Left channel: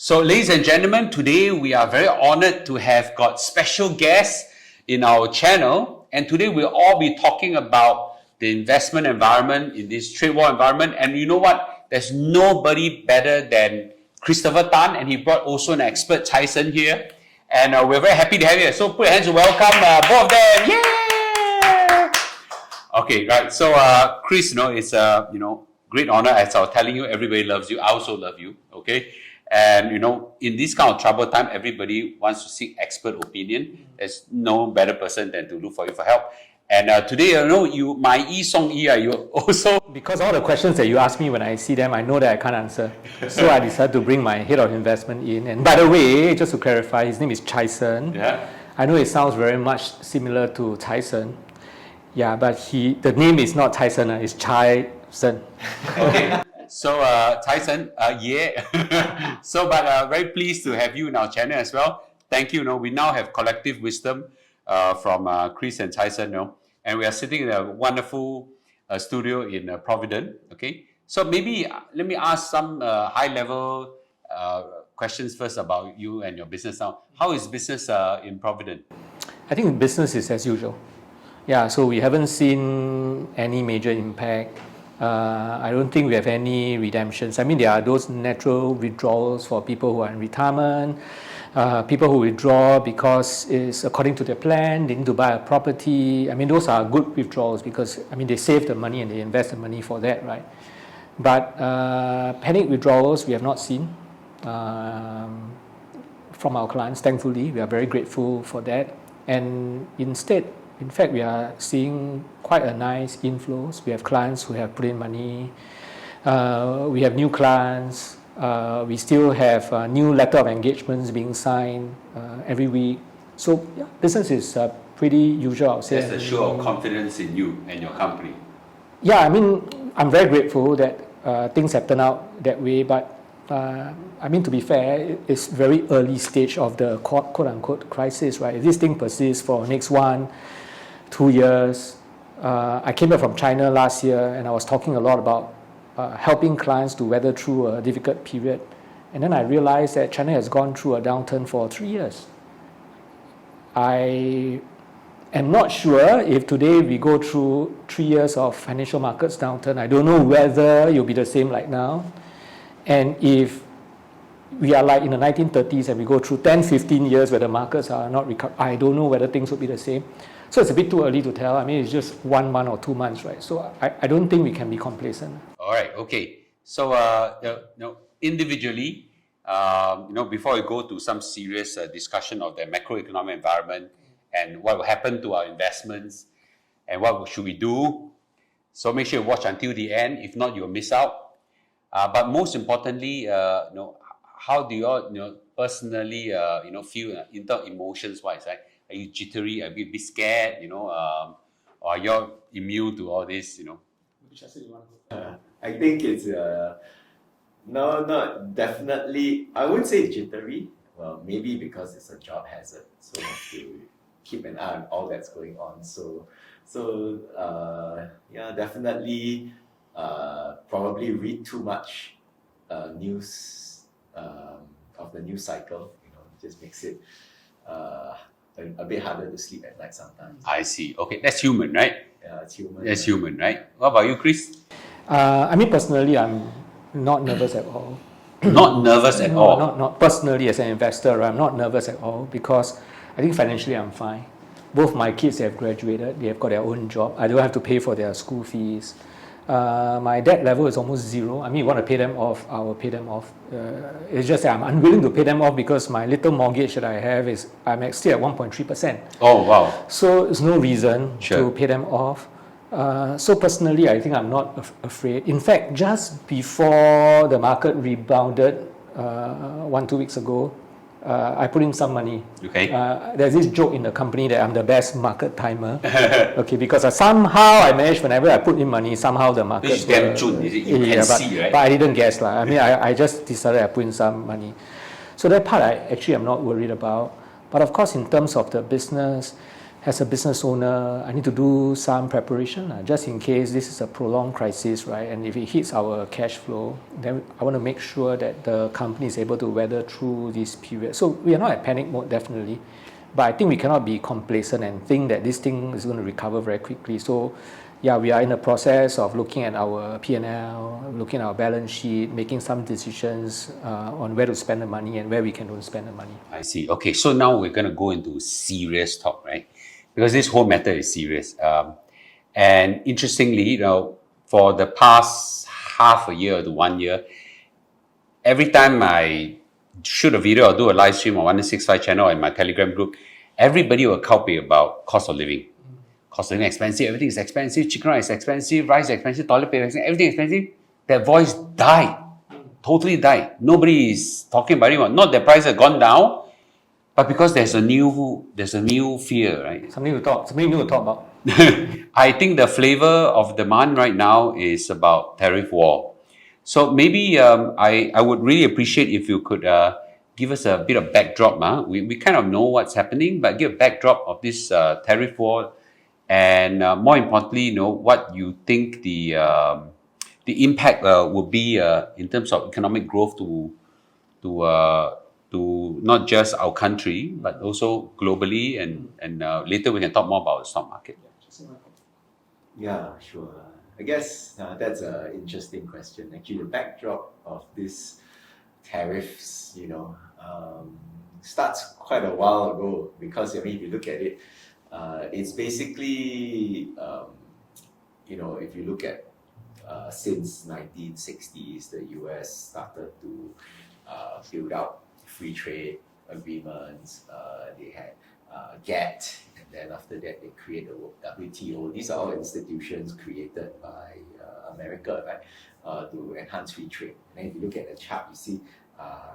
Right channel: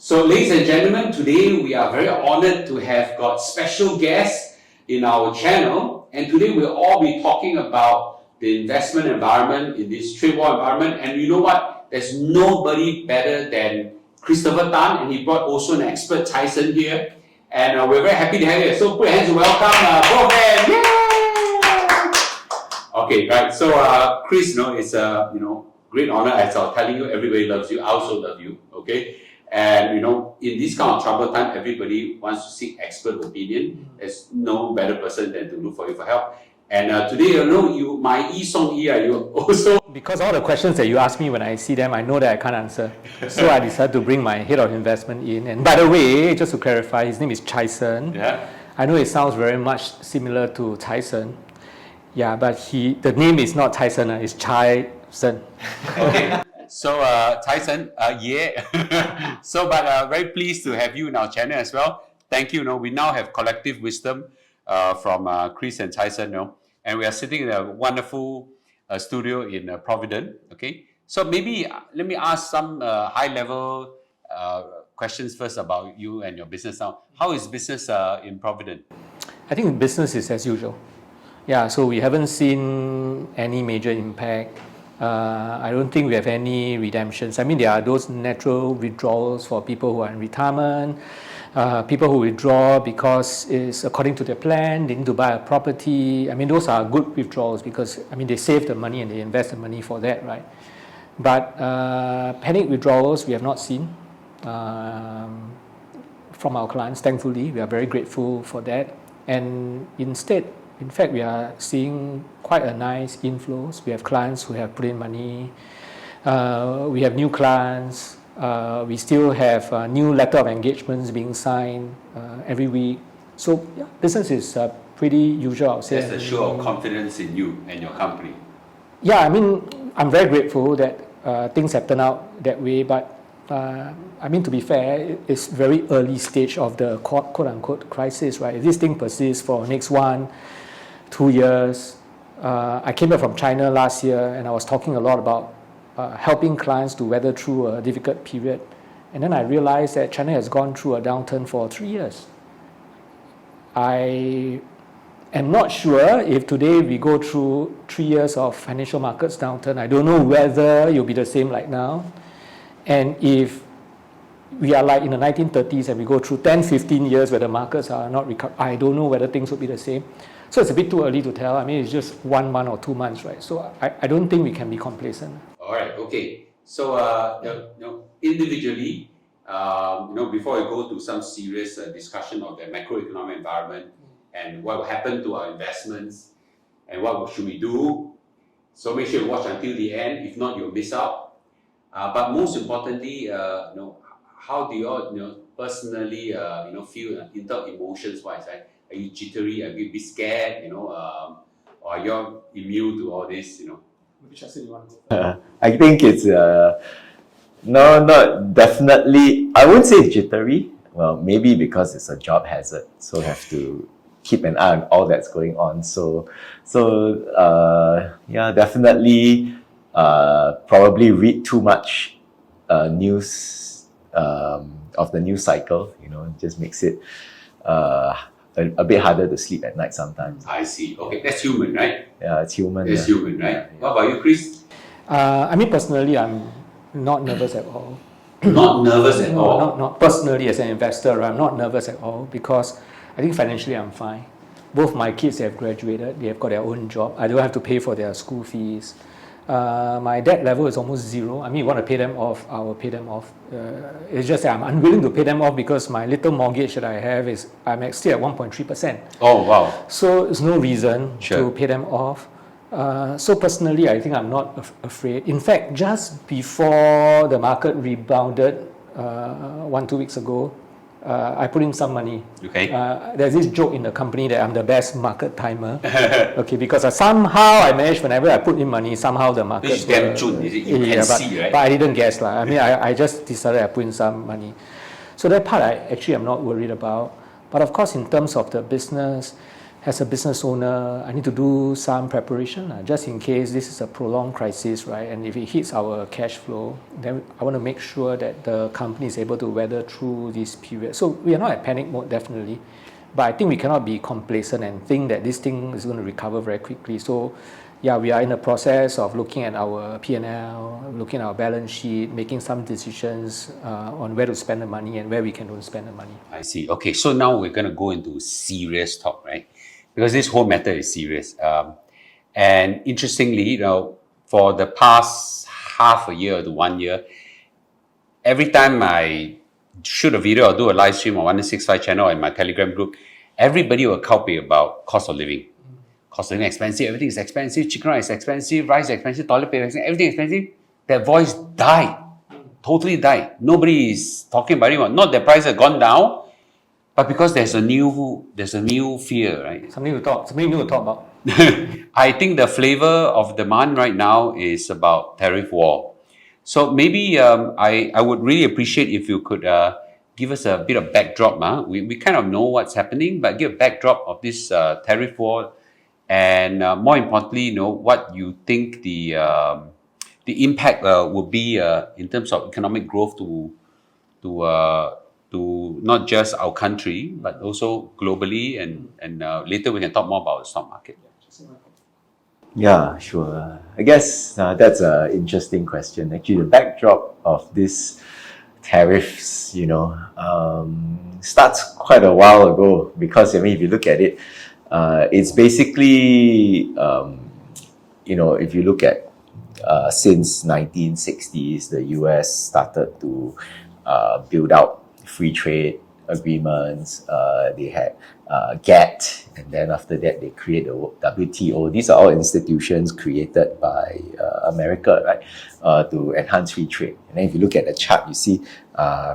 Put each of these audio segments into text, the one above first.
So, ladies and gentlemen, today we are very honored to have got special guests in our channel. And today we'll all be talking about the investment environment in this trade war environment. And you know what? There's nobody better than Christopher Tan, and he brought also an expert, Chye Hsern, here. And we're very happy to have you. So put your hands to welcome both of them. Yay! Okay, right. So Chris, it's a great honor. As I was telling you, everybody loves you. I also love you. Okay. And in this kind of troubled time, everybody wants to seek expert opinion. There's no better person than to look for you for help. And today, you my song you also because all the questions that you ask me when I see them, I know that I can't answer. So I decided to bring my head of investment in. And by the way, just to clarify, his name is Chye Hsern. Yeah. I know it sounds very much similar to Chye Hsern. Yeah, but the name is not Chye Hsern, it's Chye Hsern. Okay. So, Chye Hsern, yeah. So, but very pleased to have you in our channel as well. Thank you. We now have collective wisdom from Chris and Chye Hsern, and we are sitting in a wonderful studio in Providend. Okay. So maybe let me ask some high-level questions first about you and your business now. How is business in Providend? I think business is as usual. Yeah, so we haven't seen any major impact. I don't think we have any redemptions. I mean, there are those natural withdrawals for people who are in retirement, people who withdraw because it's according to their plan, they need to buy a property. I mean, those are good withdrawals because, they save the money and they invest the money for that, right? But panic withdrawals, we have not seen from our clients, thankfully. We are very grateful for that. And instead, in fact, we are seeing quite a nice inflows. We have clients who have put in money. We have new clients. We still have new letter of engagements being signed every week. So yeah, business is pretty usual, I would say. That's a show of confidence in you and your company. Yeah, I'm very grateful that things have turned out that way. But to be fair, it's very early stage of the quote-unquote crisis, right? If this thing persists for next 1-2 years. I came back from China last year and I was talking a lot about helping clients to weather through a difficult period. And then I realized that China has gone through a downturn for 3 years. I am not sure if today we go through 3 years of financial markets downturn. I don't know whether it'll be the same like now. And if we are like in the 1930s and we go through 10-15 years where the markets are not recovered, I don't know whether things will be the same. So it's a bit too early to tell. It's just 1 month or 2 months, right? So I don't think we can be complacent. All right, okay. So individually, before we go to some serious discussion of the macroeconomic environment and what will happen to our investments and what should we do, so make sure you watch until the end. If not, you'll miss out. But most importantly, how do you all, personally, feel in terms of emotions-wise, right? Are you jittery? Are you a bit scared? Or are you immune to all this? I think it's no, not definitely. I wouldn't say it's jittery. Well, maybe because it's a job hazard, so have to keep an eye on all that's going on. So yeah, definitely. Probably read too much news of the news cycle. It just makes it a bit harder to sleep at night sometimes. I see. Okay, that's human, right? Yeah, it's human. That's human, right? Yeah. What about you, Chris? Personally, I'm not nervous at all. Not nervous at all? Not personally as an investor, right? I'm not nervous at all because I think financially I'm fine. Both my kids have graduated. They have got their own job. I don't have to pay for their school fees. My debt level is almost zero. You want to pay them off, I will pay them off. It's just that I'm unwilling to pay them off because my little mortgage that I have I'm still at 1.3%. Oh, wow. So there's no reason to pay them off. So personally, I think I'm not afraid. In fact, just before the market rebounded 1-2 weeks ago, I put in some money. Okay. There's this joke in the company that I'm the best market timer. Okay, because somehow I managed, whenever I put in money, somehow the market. It's damn June, is it? You can see, right? But I didn't guess. I just decided I put in some money. So that part I actually am not worried about. But of course, in terms of the business, as a business owner, I need to do some preparation, just in case this is a prolonged crisis, right? And if it hits our cash flow, then I want to make sure that the company is able to weather through this period. So we are not at panic mode, definitely. But I think we cannot be complacent and think that this thing is going to recover very quickly. So yeah, we are in the process of looking at our P&L, looking at our balance sheet, making some decisions on where to spend the money and where we can don't spend the money. I see. Okay, so now we're going to go into serious talk, right? Because this whole matter is serious. And interestingly, for the past half a year to 1 year, every time I shoot a video or do a live stream on 1165 channel and my Telegram group, everybody will copy about cost of living. Cost of living expensive, everything is expensive, chicken rice is expensive, rice is expensive, toilet paper is expensive, everything is expensive. That voice died. Totally died. Nobody is talking about it. Not that prices have gone down, but because there's a new fear, right? Something new to talk about. I think the flavor of demand right now is about tariff war. So maybe I would really appreciate if you could give us a bit of backdrop. We kind of know what's happening, but give a backdrop of this tariff war, and more importantly, what you think the impact will be in terms of economic growth to not just our country but also globally, and later we can talk more about the stock market. Yeah, sure. I guess that's an interesting question. Actually, the backdrop of this tariffs, starts quite a while ago, because if you look at it, it's basically, if you look at since 1960s, the US started to build out free trade agreements. They had GATT, and then after that they create the WTO. These are all institutions created by America, right, to enhance free trade. And then if you look at the chart, you see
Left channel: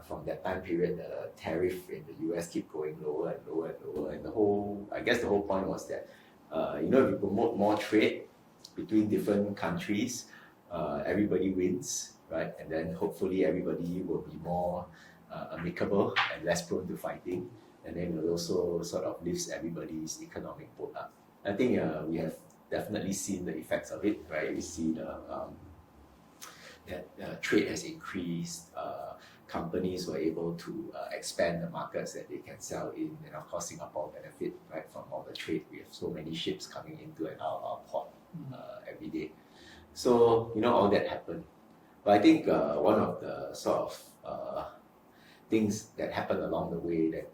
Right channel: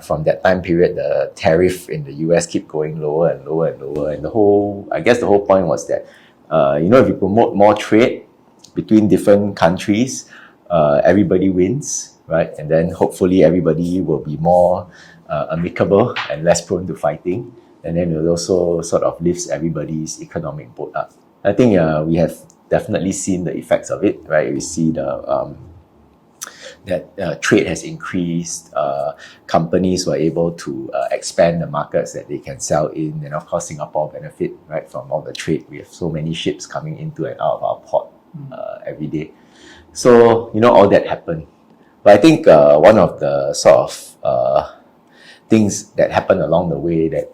from that time period, the tariff in the US keep going lower and lower and lower. And the whole point was that, if you promote more trade between different countries, everybody wins, right? And then hopefully everybody will be more amicable and less prone to fighting. And then it also sort of lifts everybody's economic boat up. I think we have definitely seen the effects of it, right? We see that trade has increased. Companies were able to expand the markets that they can sell in, and of course Singapore benefit, right, from all the trade. We have so many ships coming into and out of our port every day. So all that happened. But I think one of the sort of things that happened along the way that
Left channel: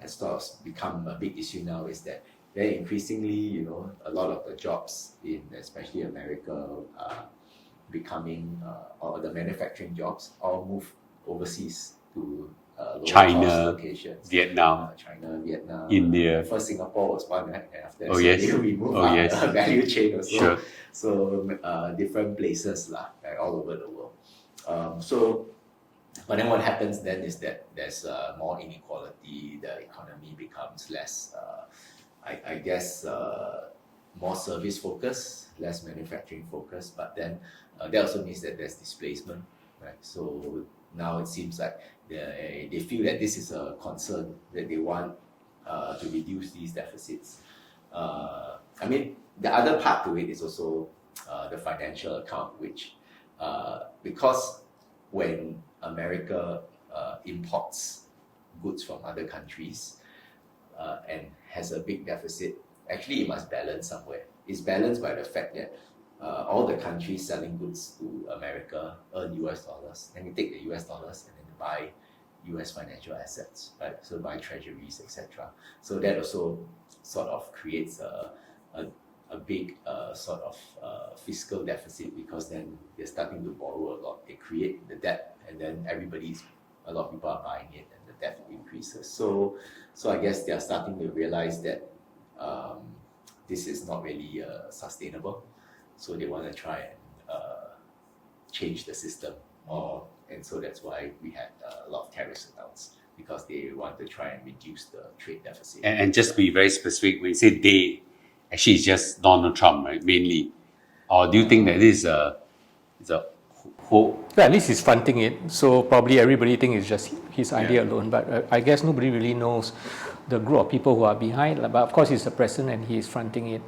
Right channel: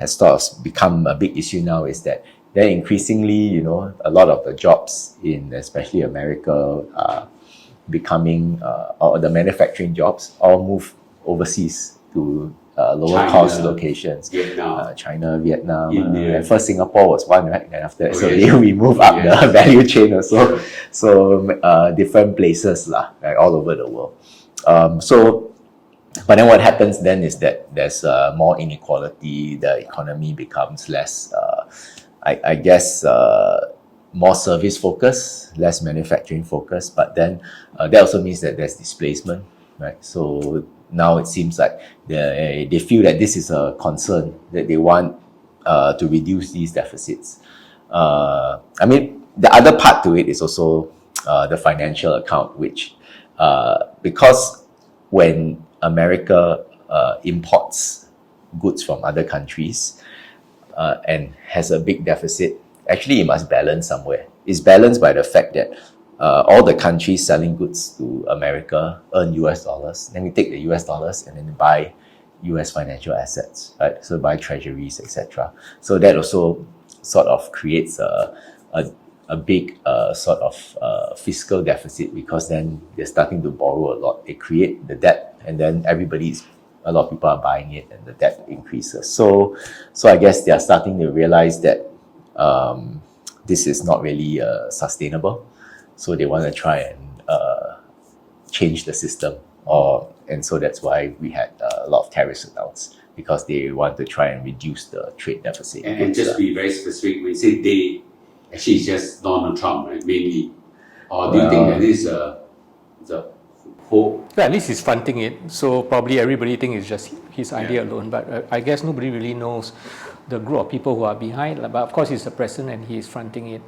has sort of become a big issue now is that then increasingly, a lot of the jobs in especially America are becoming, or the manufacturing jobs all move overseas to lower cost locations. China, Vietnam, India. First Singapore was one, right? Then after that, Yes. we move up the value chain also. Sure. So different places, right, all over the world. But then what happens then is that there's more inequality, the economy becomes less, I guess, more service focused, less manufacturing focused, but then that also means that there's displacement, right? So now it seems like they feel that this is a concern, that they want to reduce these deficits. The other part to it is also the financial account, which because when America imports goods from other countries and has a big deficit, actually it must balance somewhere. It's balanced by the fact that all the countries selling goods to America earn US dollars. Then we take the US dollars and then buy US financial assets, right? So buy treasuries, etc. So that also sort of creates a big sort of fiscal deficit, because then they're starting to borrow a lot. They create the debt, and then a lot of people are buying it, and the debt increases. So I guess they are starting to realize that this is not really sustainable. So they want to try and change the system, and so that's why we had a lot of tariffs announced, because they want to try and reduce the trade deficit. And just be very specific, when you say they, actually it's just Donald Trump, right, mainly? Or do you think that this is a whole... Yeah, at least he's fronting it, so probably everybody thinks it's just his idea alone, but I guess nobody really knows the group of people who are behind, but of course he's the president and he is fronting it.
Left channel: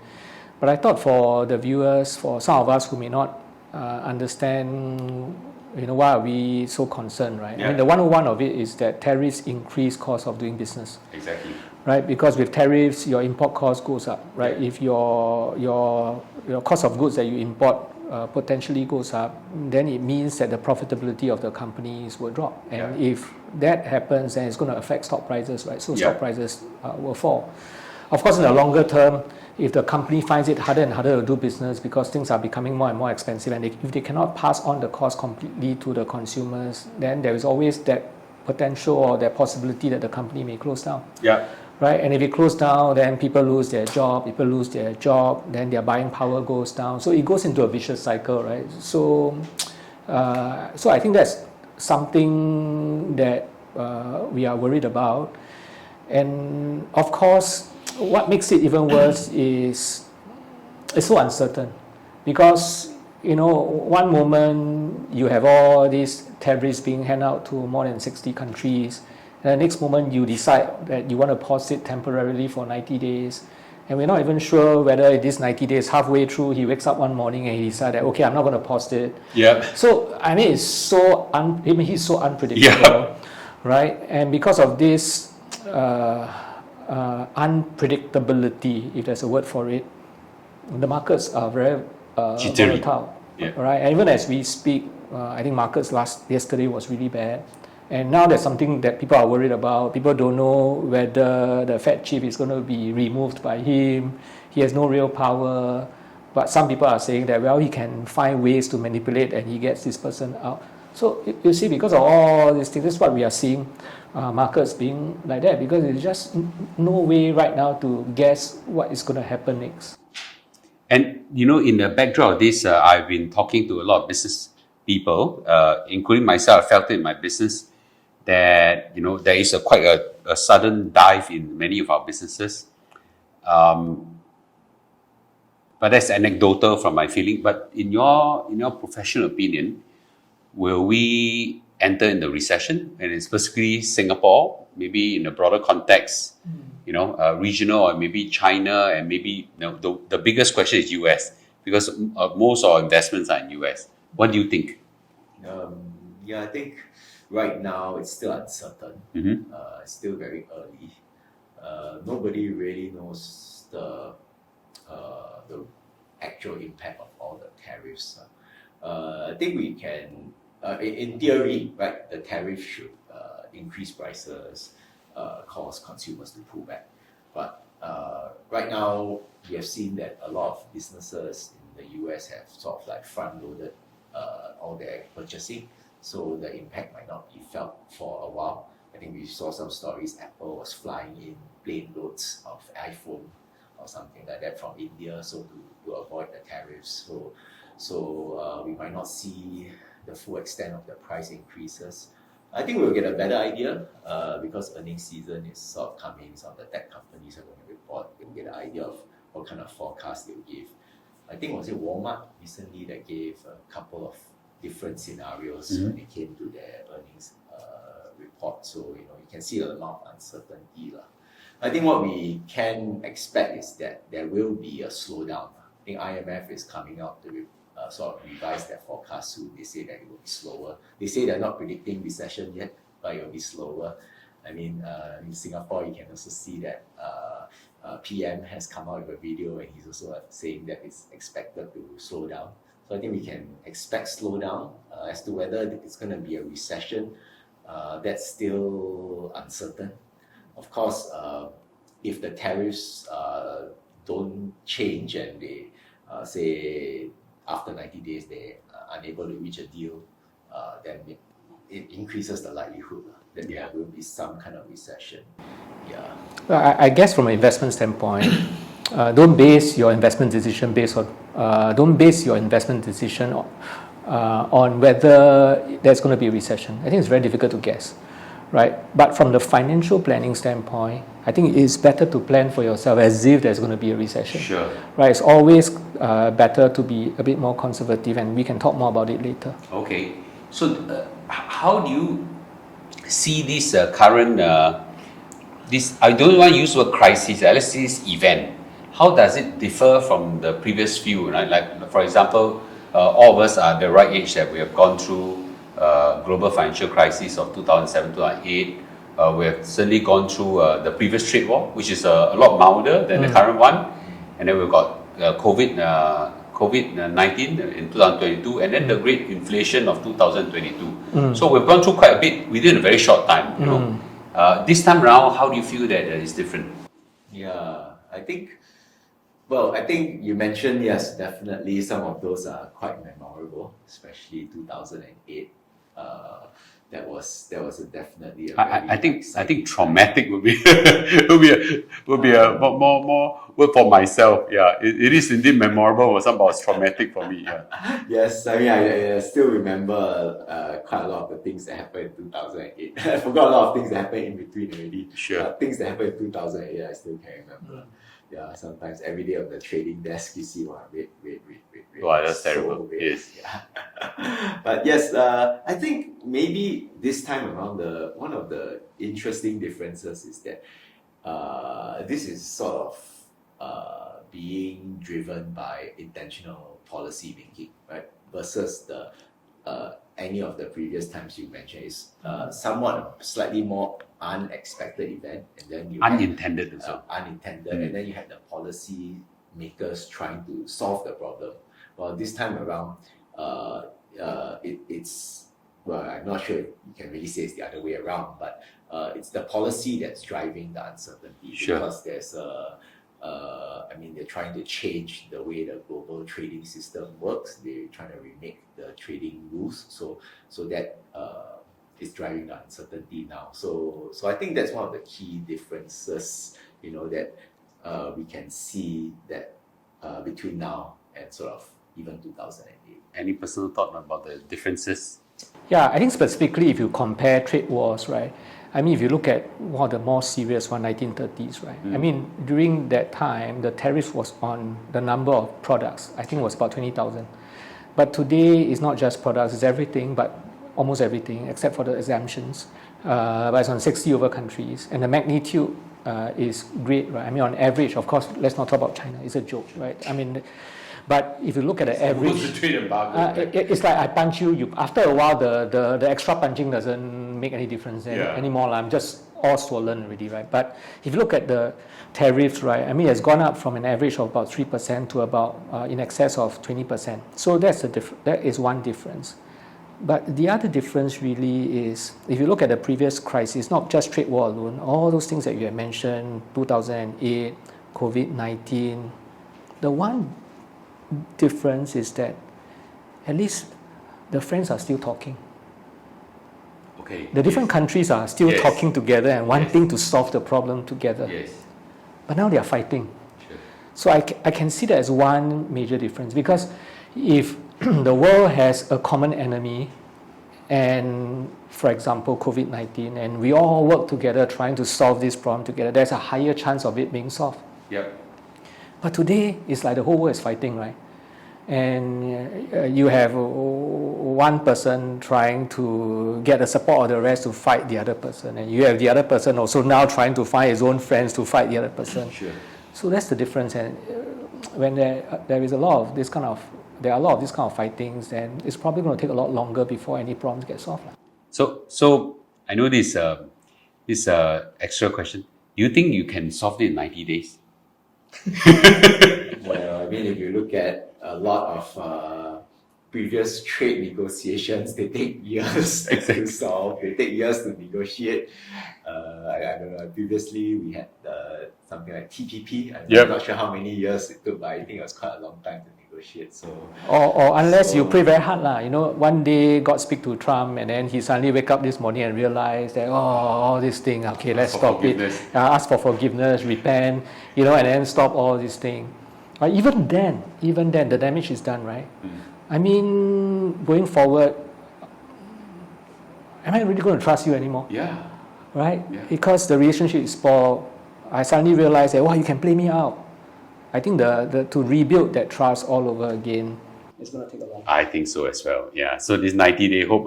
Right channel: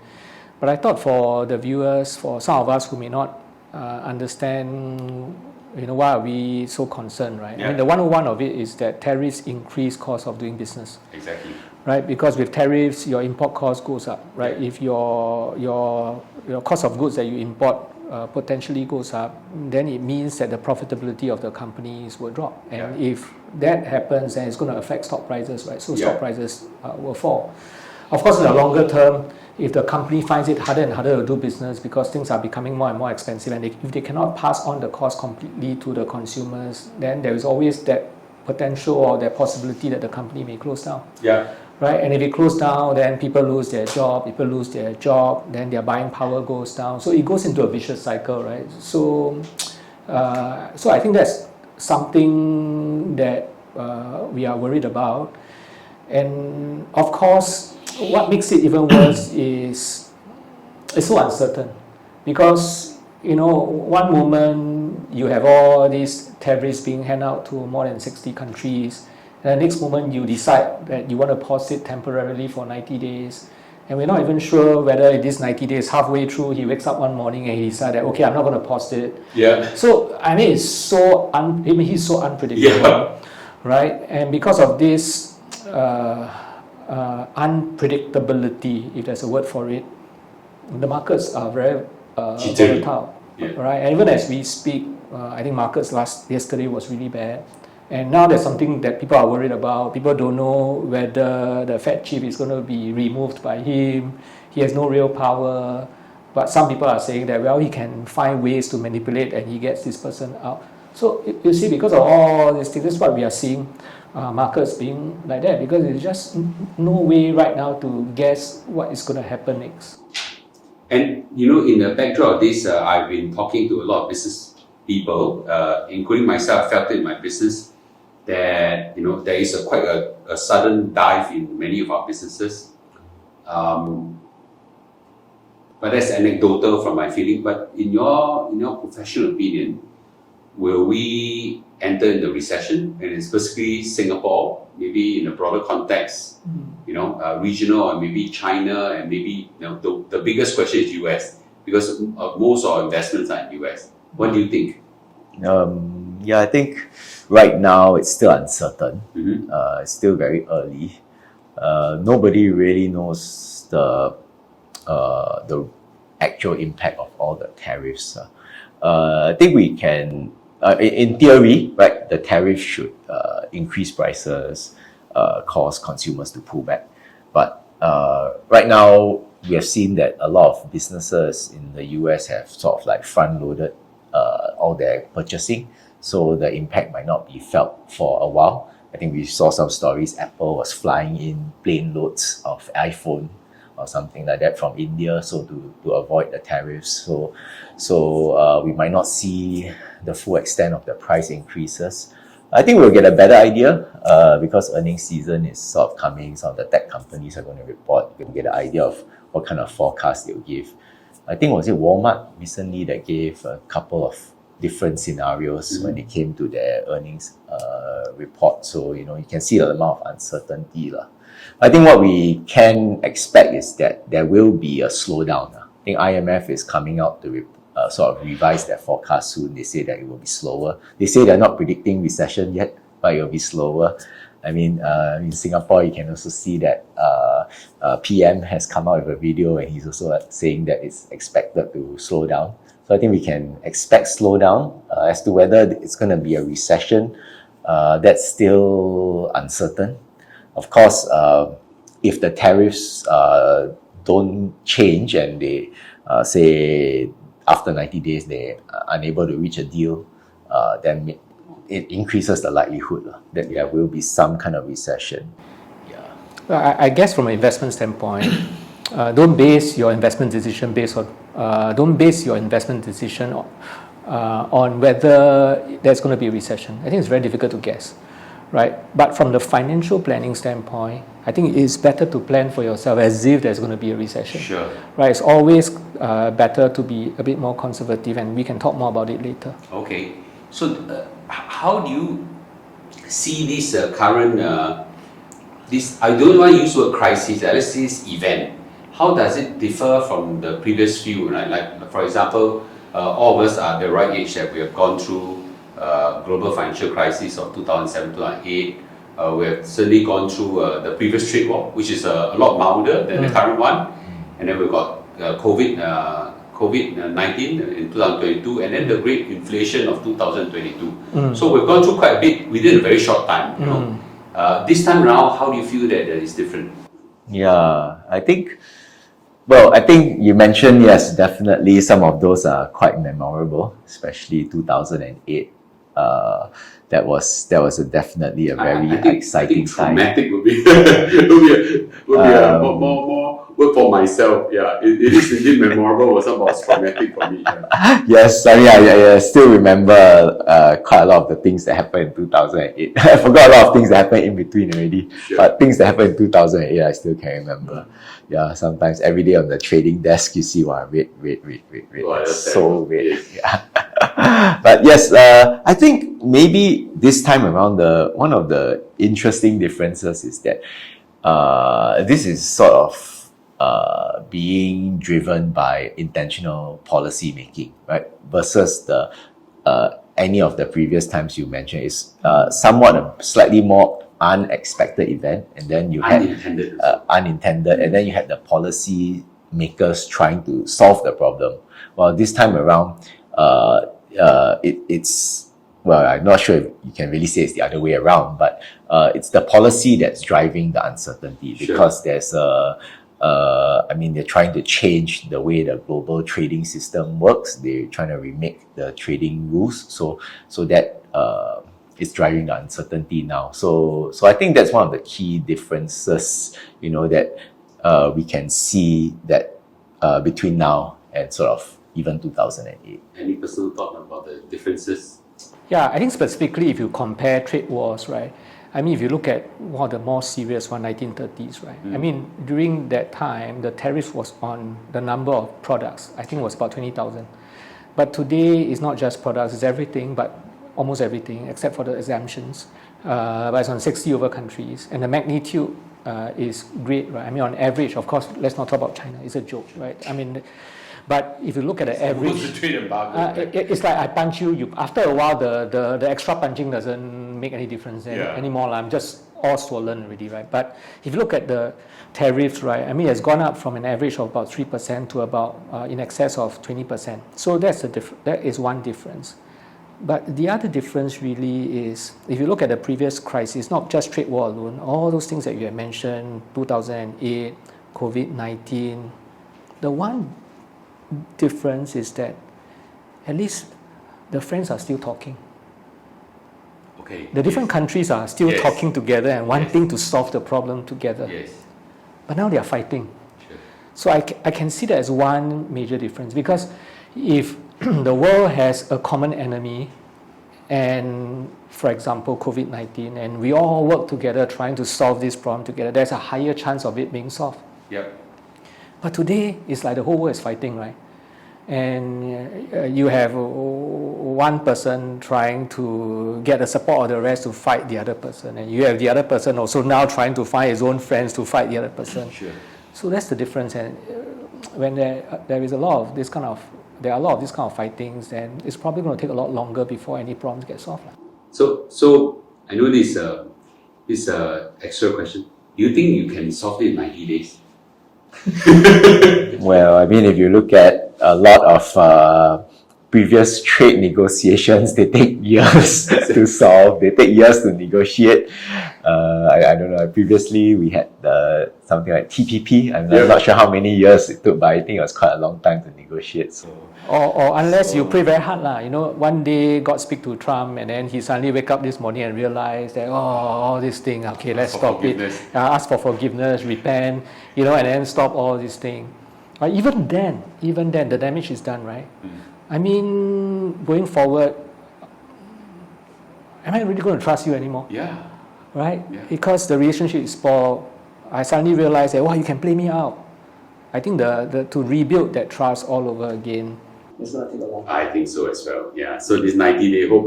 But I thought for the viewers, for some of us who may not understand, why are we so concerned, right? Yeah. I mean, the 101 of it is that tariffs increase cost of doing business. Exactly. Right, because with tariffs, your import cost goes up, right? Yeah. If your cost of goods that you import potentially goes up, then it means that the profitability of the companies will drop. And if that happens, then it's going to affect stock prices, right? So stock prices will fall. Of course, in the longer term, if the company finds it harder and harder to do business because things are becoming more and more expensive, and if they cannot pass on the cost completely to the consumers, then there is always that potential or that possibility that the company may close down. Yeah. Right, and if it closes down, then people lose their job. Then their buying power goes down. So it goes into a vicious cycle, right? So I think that's something that we are worried about. And of course, what makes it even worse is it's so uncertain, because one moment you have all these tariffs being handed out to more than 60 countries. And the next moment you decide that you want to pause it temporarily for 90 days. And we're not even sure whether this 90 days, halfway through, he wakes up one morning and he decided, okay, I'm not going to pause it. Yeah. So, I mean, he's so unpredictable, right? And because of this unpredictability, if there's a word for it, the markets are very volatile, right? And even as we speak, I think markets yesterday was really bad. And now there's something that people are worried about. People don't know whether the Fed chief is going to be removed by him. He has no real power. But some people are saying that, well, he can find ways to manipulate and he gets this person out. So you see, because of all these things, this is what we are seeing markets being like that, because there's just no way right now to guess what is going to happen next. And, in the backdrop of this, I've been talking to a lot of business people, including myself. I felt it in my business that there is quite a sudden dive in many of our businesses, but that's anecdotal from my feeling. But in your professional opinion, will we enter in the recession, and specifically Singapore, maybe in a broader context, regional, or maybe China, and maybe the biggest question is US, because most of our investments are in US. What do you think? I think right now it's still uncertain. Mm-hmm. It's still very early. Nobody really knows the actual impact of all the tariffs. I think we can, in theory, right, the tariff should increase prices, cause consumers to pull back. But right now, we have seen that a lot of businesses in the US have sort of like front-loaded all their purchasing, so the impact might not be felt for a while. I think we saw some stories. Apple was flying in plane loads of iPhone or something like that from India, so to avoid the tariffs. So we might not see the full extent of the price increases. I think we'll get a better idea because earnings season is sort of coming. Some of the tech companies are going to report. We'll get an idea of what kind of forecast they'll give. I think was it Walmart recently that gave a couple of different scenarios when it came to their earnings report. So you can see the amount of uncertainty. I think what we can expect is that there will be a slowdown. I think IMF is coming out to sort of revise their forecast soon. They say that it will be slower. They say they're not predicting recession yet, but it will be slower. I mean, in Singapore, you can also see that PM has come out with a video, and he's also saying that it's expected to slow down. So I think we can expect slowdown. As to whether it's going to be a recession, that's still uncertain. Of course, if the tariffs don't change and they say after 90 days they are unable to reach a deal, then it increases the likelihood that there will be some kind of recession. Yeah. I guess from an investment standpoint, don't base your investment decision on whether there's going to be a recession. I think it's very difficult to guess, right? But from the financial planning standpoint, I think it's better to plan for yourself as if there's going to be a recession. Sure. Right? It's always better to be a bit more conservative, and we can talk more about it later. Okay. So how do you see this current this, I don't want to use the word crisis, let's say this event. How does it differ from the previous few, right? Like, for example, all of us are the right age that we have gone through global financial crisis of 2007, 2008. We have certainly gone through the previous trade war, which is a lot milder than the current one. And then we've got COVID-19 in 2022, and then the great inflation of 2022. So we've gone through quite a bit within a very short time. You know, this time around, how do you feel that it's different? Yeah, I think. Well, I think you mentioned, yes, definitely some of those are quite memorable, especially 2008. That was definitely a very exciting time. I think traumatic would be more word for myself. Yeah, it is indeed memorable, but somehow it's traumatic for me. Yeah. Yes, I still remember quite a lot of the things that happened in 2008. I forgot a lot of things that happened in between already, but things that happened in 2008 I still can remember. Yeah, sometimes every day on the trading desk you see, wow, wait. Wow, that's so terrible. weird. Yeah. But yes, I think maybe this time around one of the interesting differences is that this is sort of being driven by intentional policy making, right? Versus the any of the previous times you mentioned is somewhat a slightly more unexpected event, and then you had unintended, and then you had the policy makers trying to solve the problem. Well, this time around, it's well, I'm not sure if you can really say it's the other way around, but it's the policy that's driving the uncertainty because there's I mean, they're trying to change the way the global trading system works. They're trying to remake the trading rules, so that is driving the uncertainty now. So I think that's one of the key differences, you know, that we can see that between now and sort of even 2008. Any personal thought about the differences? Yeah, I think specifically if you compare trade wars, right? I mean, if you look at one of the more serious one, 1930s, right? I mean, during that time, the tariff was on the number of products. I think it was about 20,000. But today, it's not just products, it's everything, but almost everything, except for the exemptions. But it's on 60 over countries. And the magnitude is great, right? I mean, on average, of course, let's not talk about China. It's a joke, right? I mean, but if you look at the average, the trade embargo, it's like I punch you. After a while, the extra punching doesn't make any difference anymore. I'm just all swollen already, right? But if you look at the tariffs, right, I mean, it's gone up from an average of about 3% to about in excess of 20%. So that is one difference. But the other difference really is, if you look at the previous crisis, not just trade war alone, all those things that you have mentioned, 2008, COVID-19, the one difference is that at least the friends are still talking. Okay. The different countries are still talking together and wanting to solve the problem together. Yes. But now they are fighting. Sure. So I can see that as one major difference, because if the world has a common enemy, and for example COVID-19, and we all work together trying to solve this problem together, there's a higher chance of it being solved. Yep. But today, it's like the whole world is fighting, right? And you have one person trying to get the support of the rest to fight the other person, and you have the other person also now trying to find his own friends to fight the other person. Sure. So that's the difference. And when there is a lot of this kind of fightings, then it's probably going to take a lot longer before any problems get solved. So I know this extra question. Do you think you can solve it in 90 days? Well, I mean, if you look at a lot of previous trade negotiations, they take years to solve. They take years to negotiate. I don't know. Previously, we had something like TPP. I'm not sure how many years it took, but I think it was quite a long time to negotiate. So, or unless you pray very hard, you know, one day God speak to Trump, and then he suddenly wake up this morning and realize that all this thing. Okay, let's stop it. Ask for forgiveness, repent, you know, and then stop all this thing. But even then, the damage is done, right? I mean, going forward, am I really going to trust you anymore? Yeah. Right? Yeah. Because the relationship is spoiled. I suddenly realized that, you can play me out. I think to rebuild that trust all over again, it's going to take a long time. I think so as well. Yeah. So this 90-day hope,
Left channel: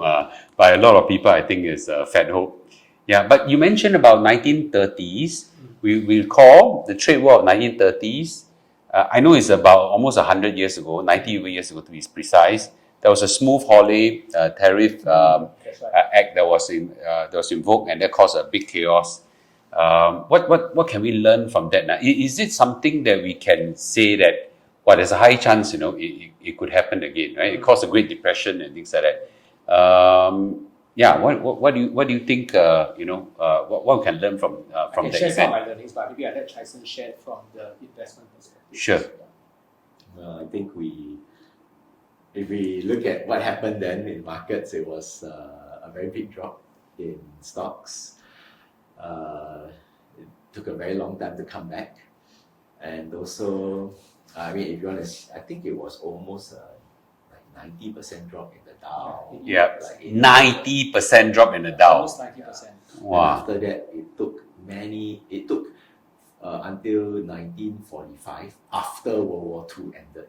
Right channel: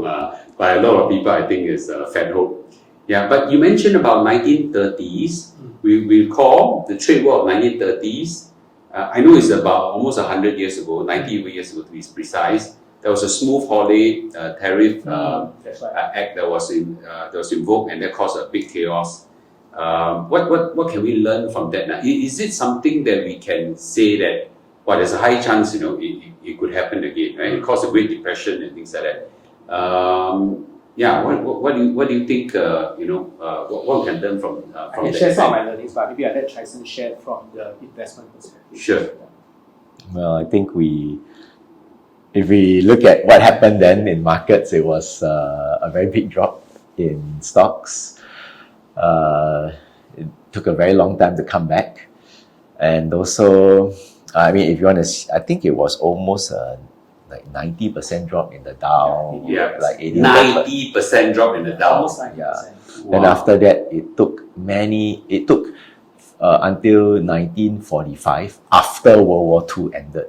by a lot of people, I think is a fat hope. Yeah, but you mentioned about 1930s. We recall the trade war of 1930s. I know it's about almost 100 years ago, 90 years ago to be precise. There was a smooth holiday tariff That's right. act that was invoked, and that caused a big chaos. What can we learn from that now? Is it something that we can say that, well, there's a high chance, it could happen again, right? It caused a Great Depression and things like that. Yeah, what do you think? What we can learn from I can that share some of event? my learnings, but maybe I let Chye Hsern share from the investment perspective. Sure. Well, I think if we look at what happened then in markets, it was a very big drop in stocks. It took a very long time to come back. And also, I mean, if you want to, I think it was almost like 90% drop in the Dow. Yeah, like 80%. 90% drop in the Dow. Almost 90%. Yeah. Wow. And after that, it took until 1945, after World War II ended.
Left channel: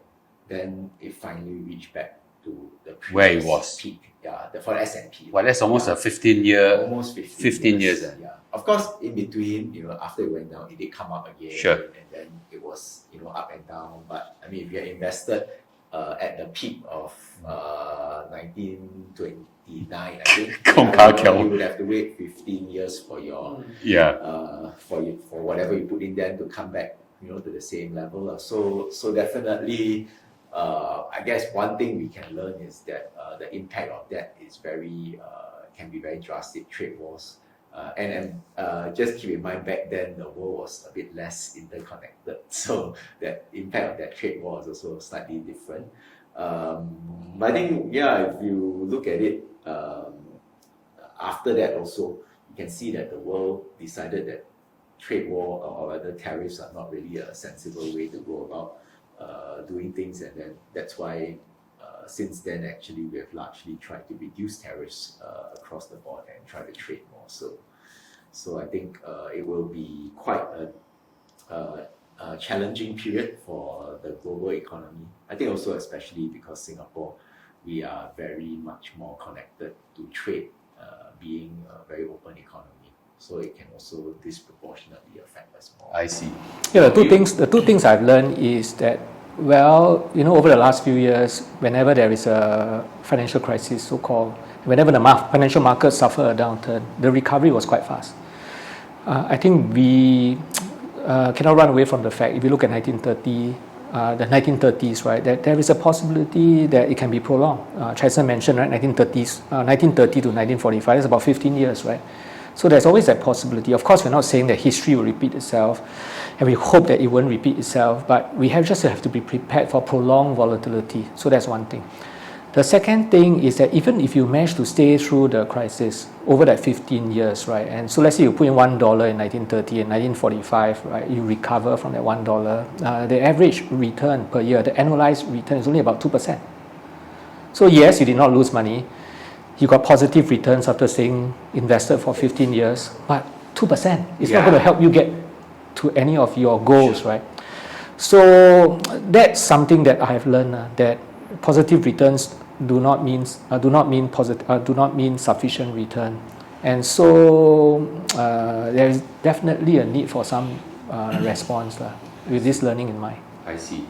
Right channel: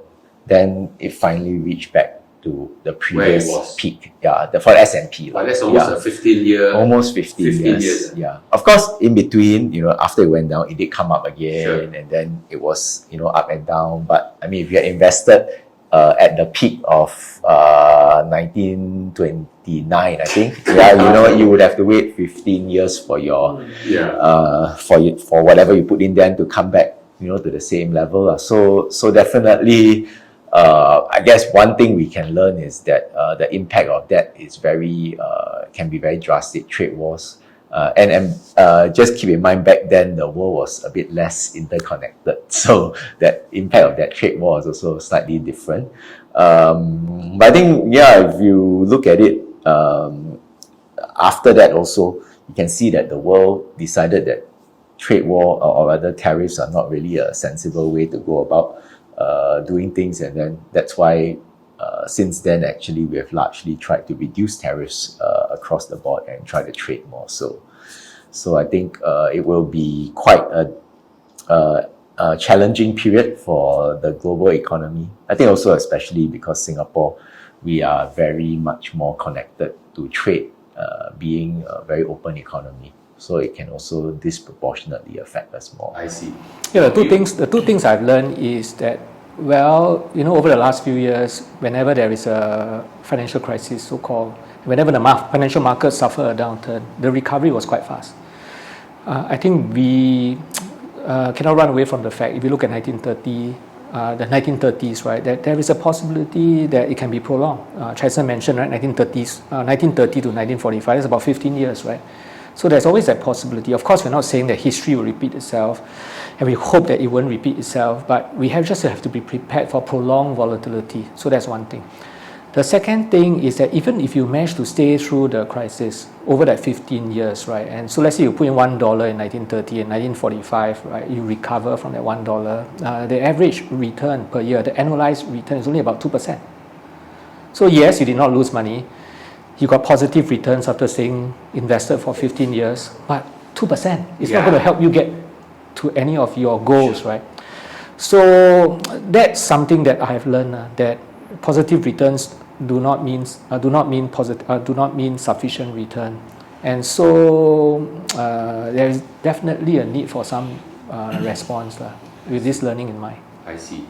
Then it finally reached back to the previous was. peak. Yeah, for the S&P. Well, that's almost a 15-year. Almost 15 years. Yeah. Of course, in between, after it went down, it did come up again. Sure. And then it was, up and down. But I mean, if you had invested at the peak of 1929, I think, you would have to wait 15 years for your for whatever you put in there to come back, to the same level. So definitely, I guess one thing we can learn is that the impact of that is can be very drastic. Trade wars. And just keep in mind, back then the world was a bit less interconnected, so that impact of that trade war is also slightly different. But I think, if you look at it, after that also, you can see that the world decided that trade war or rather tariffs are not really a sensible way to go about doing things, and then that's why since then actually we have largely tried to reduce tariffs across the board and try to trade more. So I think it will be quite a challenging period for the global economy. I think also especially because Singapore, we are very much more connected to trade, being a very open economy. So it can also disproportionately affect us more. I see. Yeah, the two things I've learned is that, over the last few years, whenever there is a financial crisis, so-called, whenever the financial markets suffer a downturn, the recovery was quite fast. I think we cannot run away from the fact, if you look at the 1930s, right, that there is a possibility that it can be prolonged. Chye Hsern mentioned, right, 1930 to 1945, that's about 15 years, right? So there's always that possibility. Of course, we're not saying that history will repeat itself, and we hope that it won't repeat itself, but we have to be prepared for prolonged volatility. So that's one thing. The second thing is that even if you manage to stay through the crisis over that 15 years, right, and so let's say you put in $1 in 1930 and 1945, right, you recover from that $1, the average return per year, the annualized return is only about 2%. So yes, you did not lose money. You got positive returns after staying invested for 15 years, but 2% is not going to help you get to any of your goals, right? So that's something that I have learned, that positive returns do not mean sufficient return, and so there is definitely a need for some response with this learning in mind. I see.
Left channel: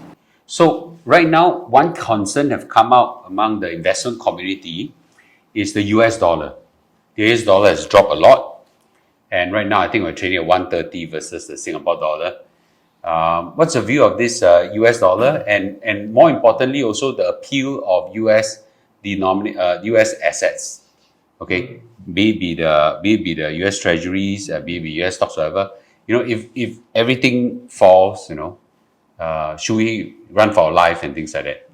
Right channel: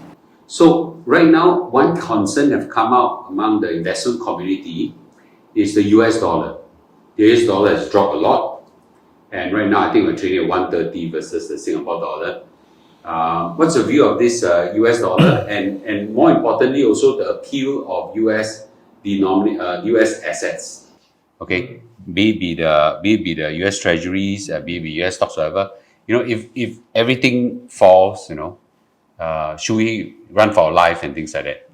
So right now, one concern have come out among the investment community is the US dollar. The US dollar has dropped a lot, and right now I think we're trading at 130 versus the Singapore dollar. What's your view of this US dollar, and more importantly also the appeal of US assets? Okay, be it the US Treasuries, be it US stocks, whatever. If everything falls, should we run for our life and things like that?